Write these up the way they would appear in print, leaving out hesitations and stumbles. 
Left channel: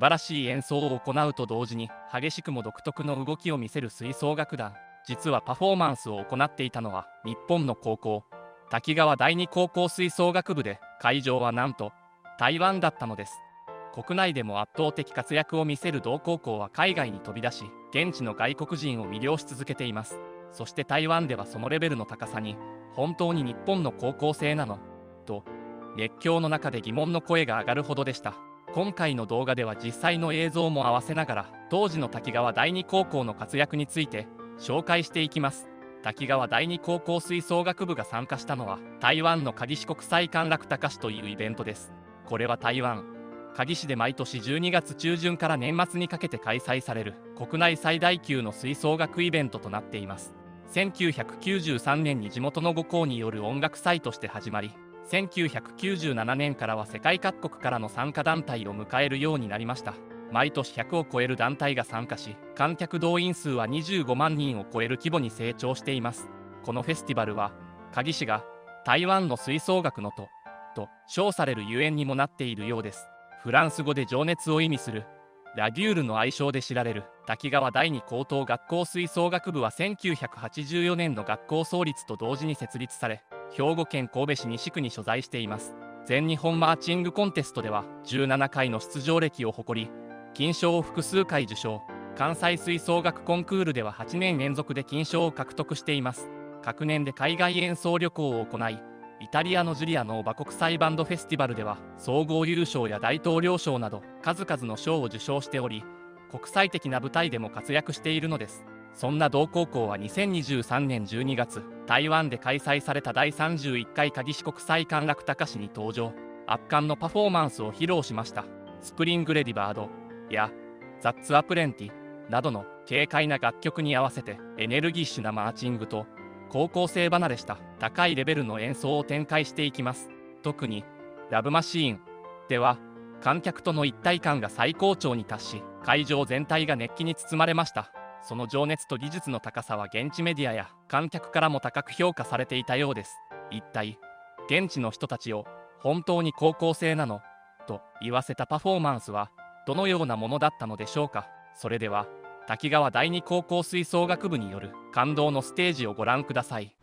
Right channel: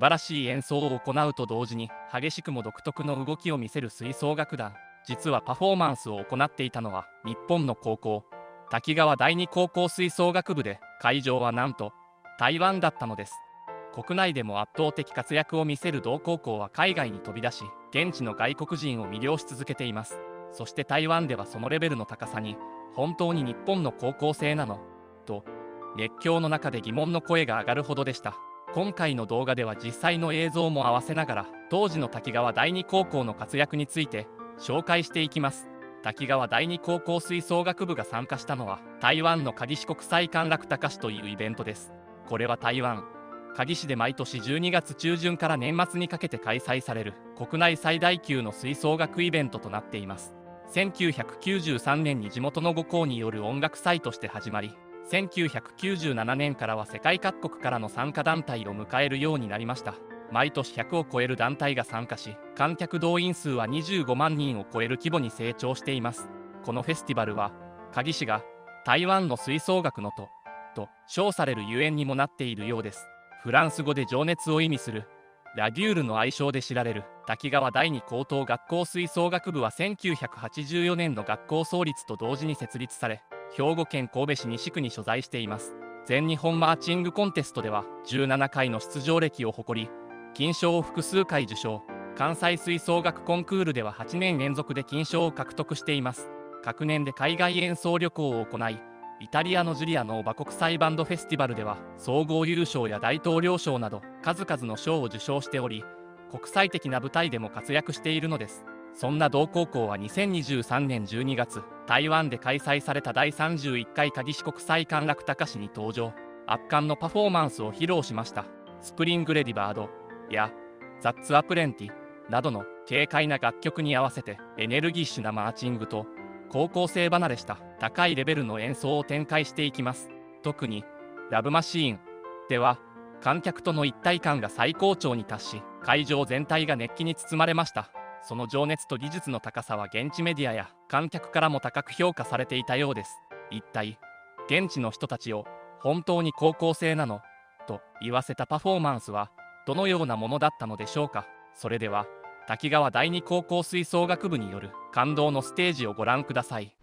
素晴らしい演奏を行うと同時に激しくも独特の動きを見せる吹奏楽団。実はパフォーマンスを行っていたのは日本の高校、滝川第二高校吹奏楽部で、会場はなんと台湾だったのです。国内でも圧倒的活躍を見せる同高校は海外に飛び出し、現地の外国人を魅了し続けています。そして台湾ではそのレベルの高さに、本当に日本の高校生なのと熱狂の中で疑問の声が上がるほどでした。今回の動画では実際の映像も合わせながら、当時の滝川第二高校の活躍について紹介していきます。滝川第二高校吹奏楽部が参加したのは、台湾の嘉義市国際歓楽高市というイベントです。これは台湾嘉義市で毎年12月中旬から年末にかけて開催される国内最大級の吹奏楽イベントとなっています。1993年に地元の5校による音楽祭として始まり、1997年からは世界各国からの参加団体を迎えるようになりました。毎年100を超える団体が参加し、観客動員数は25万人を超える規模に成長しています。このフェスティバルは、嘉義市が台湾の吹奏楽のと称されるゆえんにもなっているようです。フランス語で情熱を意味するラデュールの愛称で知られる滝川第二高等学校吹奏楽部は1984年の学校創立と同時に設立され、兵庫県神戸市西区に所在しています。全日本マーチングコンテストでは17回の出場歴を誇り、金賞を複数回受賞。関西吹奏楽コンクールでは8年連続で金賞を獲得しています。各年で海外演奏旅行を行い、イタリアのジュリアノーバ国際バンドフェスティバルでは総合優勝や大統領賞など数々の賞を受賞しており、国際的な舞台でも活躍しているのです。そんな同高校は2023年12月、台湾で開催された第31回嘉義市国際歓楽高市に登場。圧巻のパフォーマンスを披露しました。スプリングレディバードやザッツアプレンティなどの軽快な楽曲に合わせてエネルギッシュなマーチングと高校生離れした高いレベルの演奏を展開していきます。特にラブマシーンでは観客との一体感が最高潮に達し、会場全体が熱気に包まれました。その情熱と技術の高さは現地メディアや観客からも高く評価されていたようです。一体現地の人たちを本当に高校生なのと言わせたパフォーマンスはどのようなものだったのでしょうか。それでは滝川第二高校吹奏楽部による感動のステージをご覧ください。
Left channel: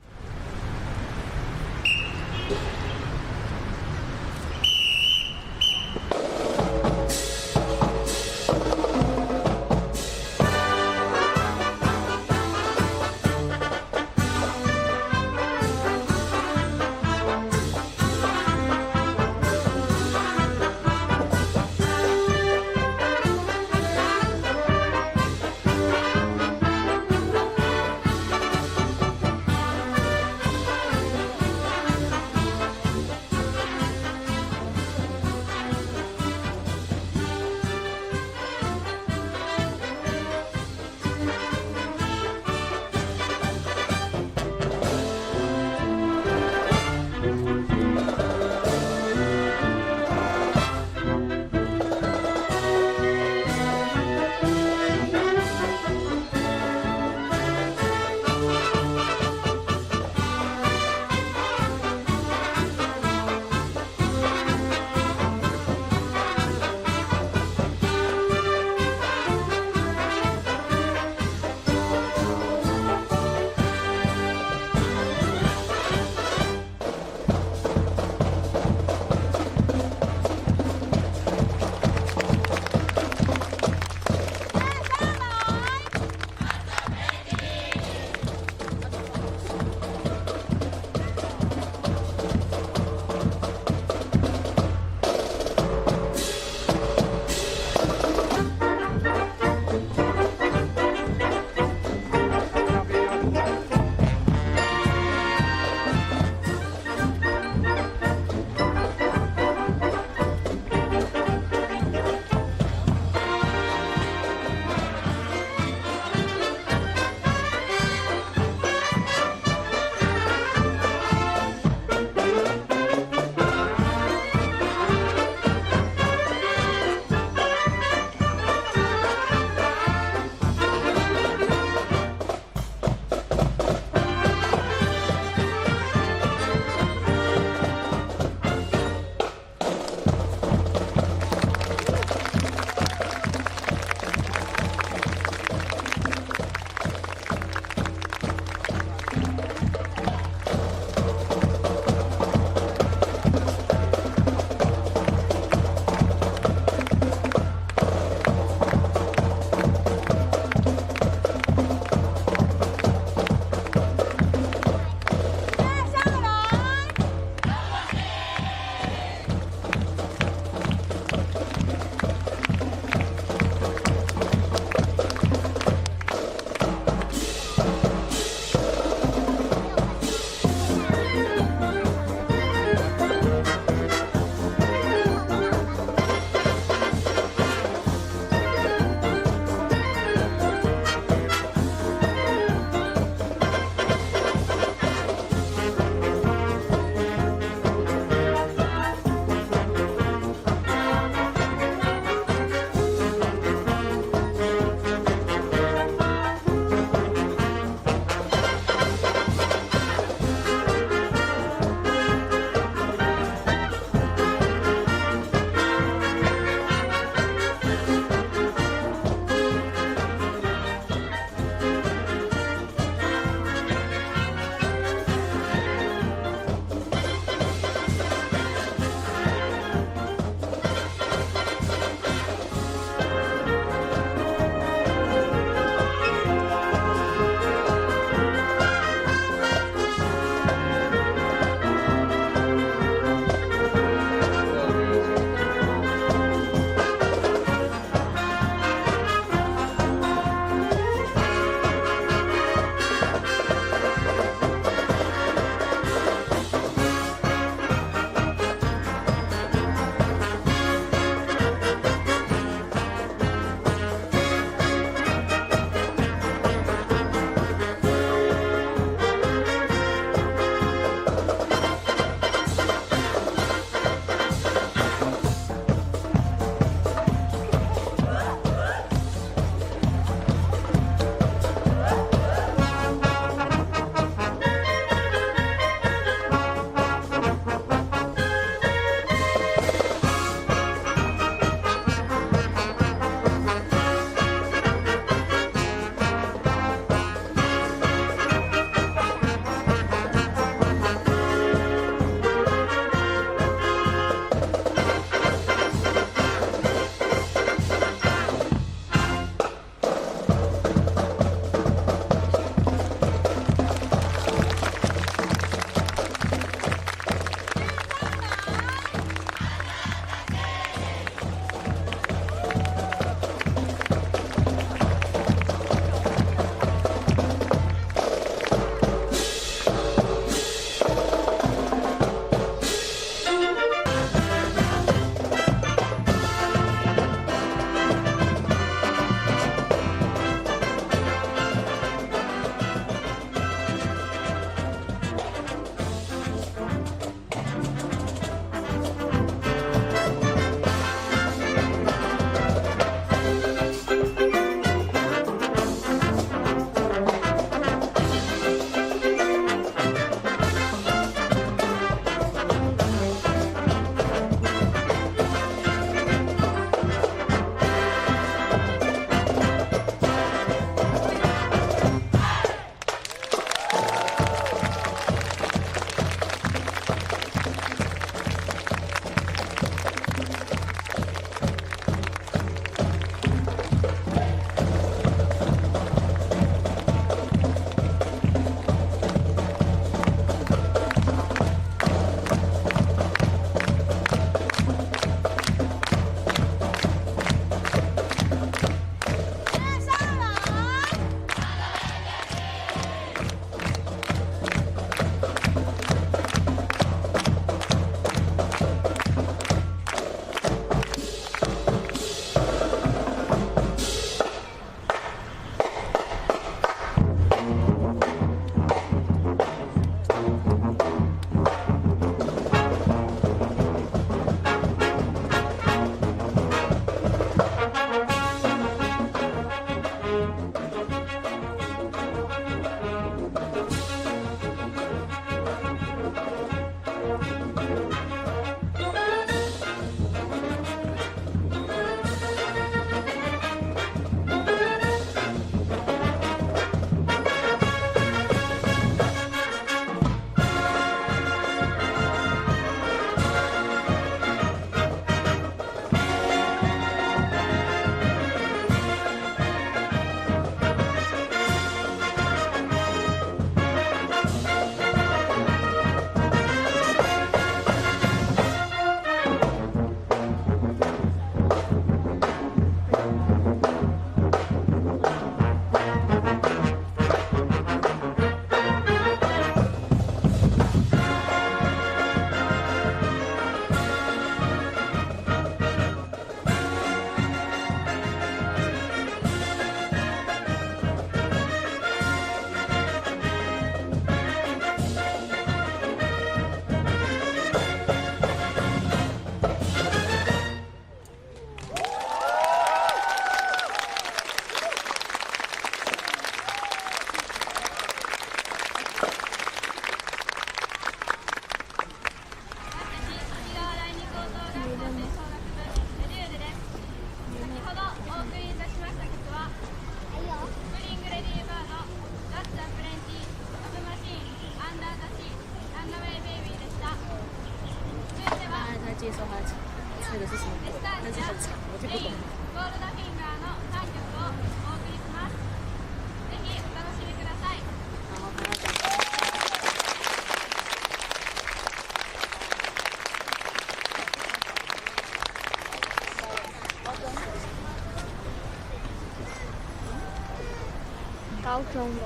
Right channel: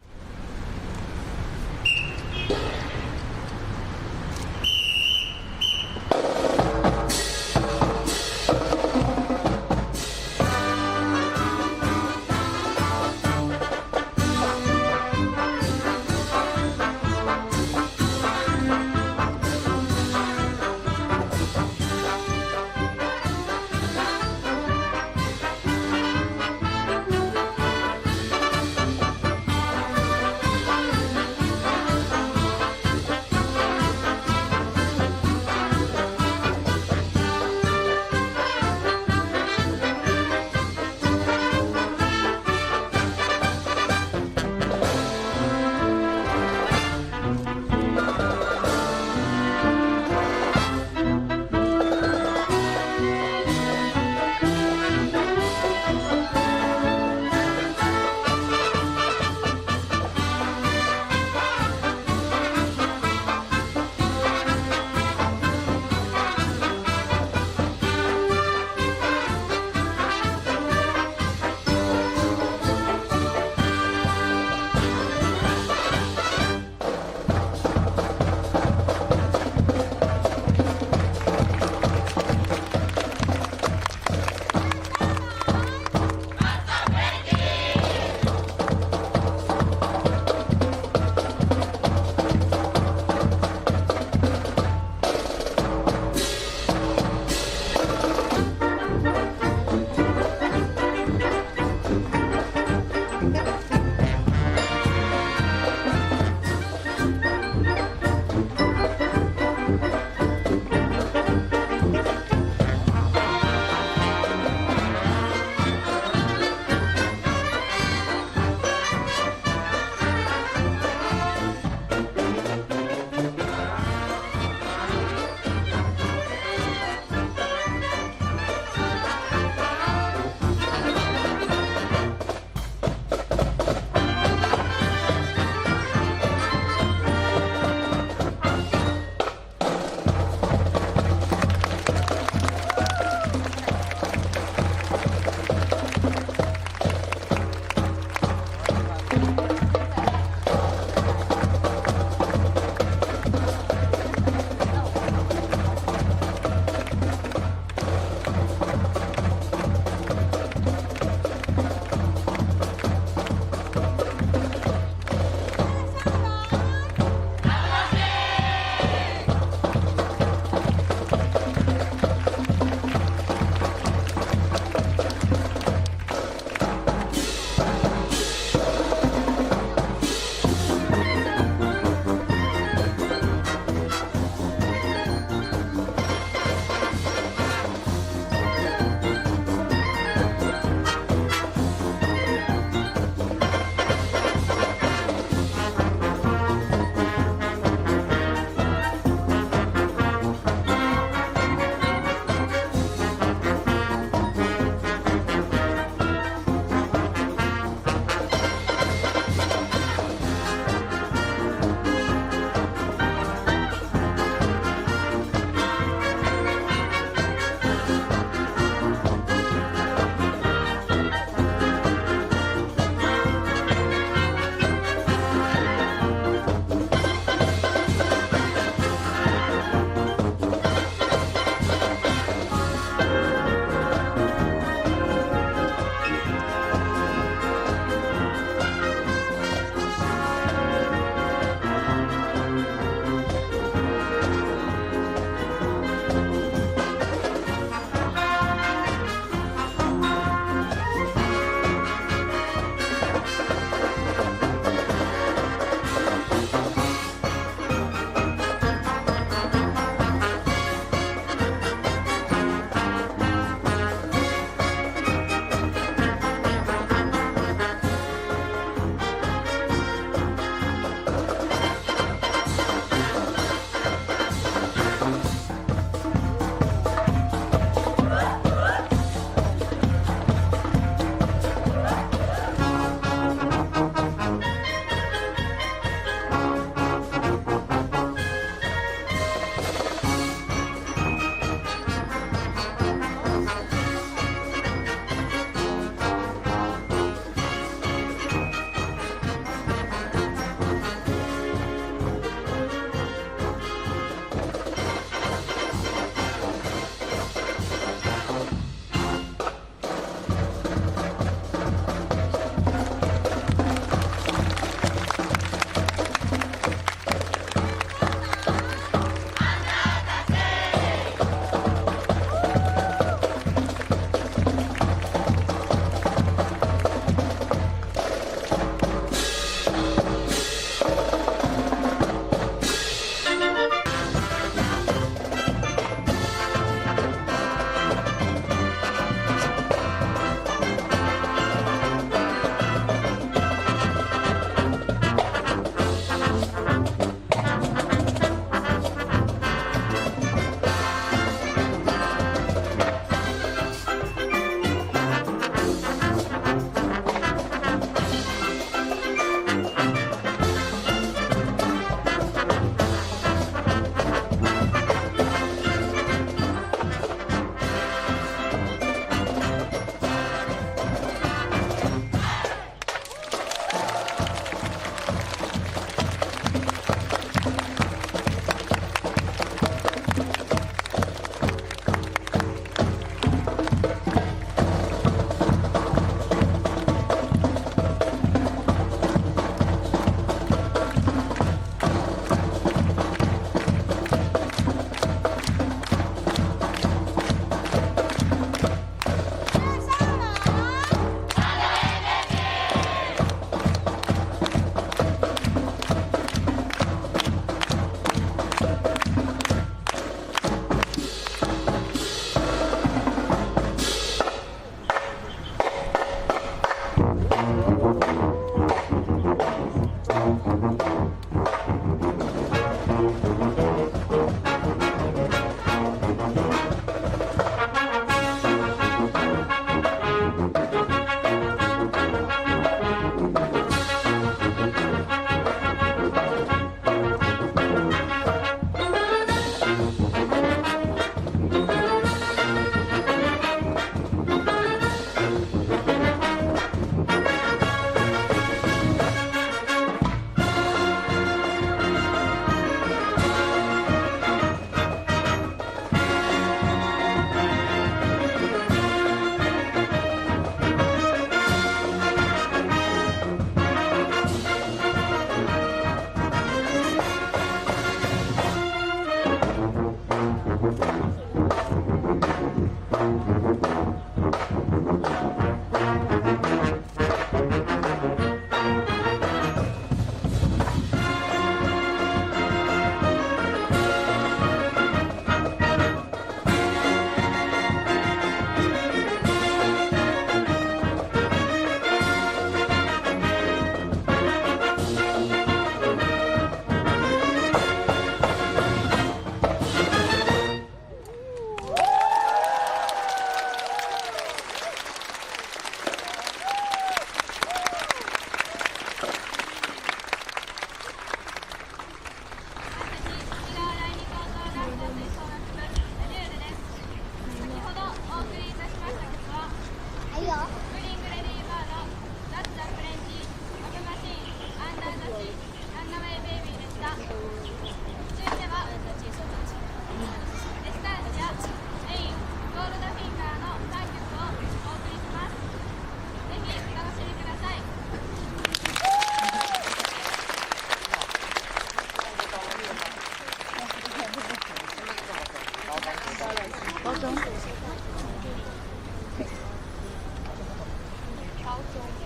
高中的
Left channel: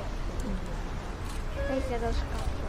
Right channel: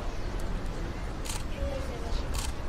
这些都是高中。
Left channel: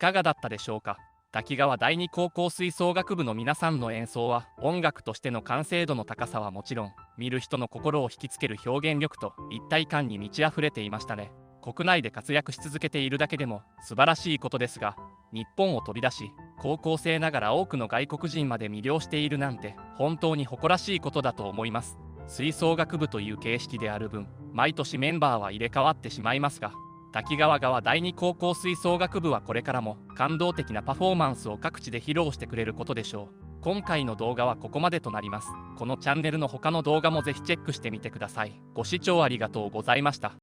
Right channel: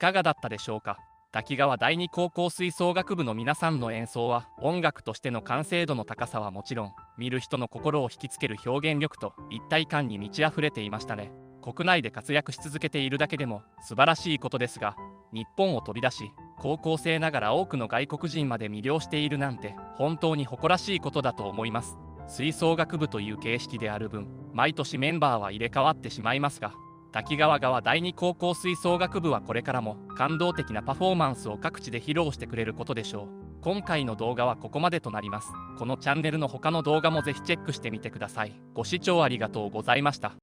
かがだったでしょうか。滝川第二高校吹奏楽部の皆さんの演奏は音楽としての完成度の高さはもちろん、見る人の心を引きつける表現力と一体感に満ち溢れていましたね。国内で活躍し続けているだけでも素晴らしいことですが、日本を飛び出し高校生ながら多くの外国人まで魅了しているなんて本当に誇らしいことだと思います。吹奏楽部という形式である分、毎年メンバーは入れ替わってしまいますが、滝川川第二高校吹奏楽部はこれからも感動的なパフォーマンスを各地で披露してくれることでしょう。今回の動画はここまでとなります。このチャンネルの他の動画もぜひチェックしてみてください。ご視聴ありがとうございました。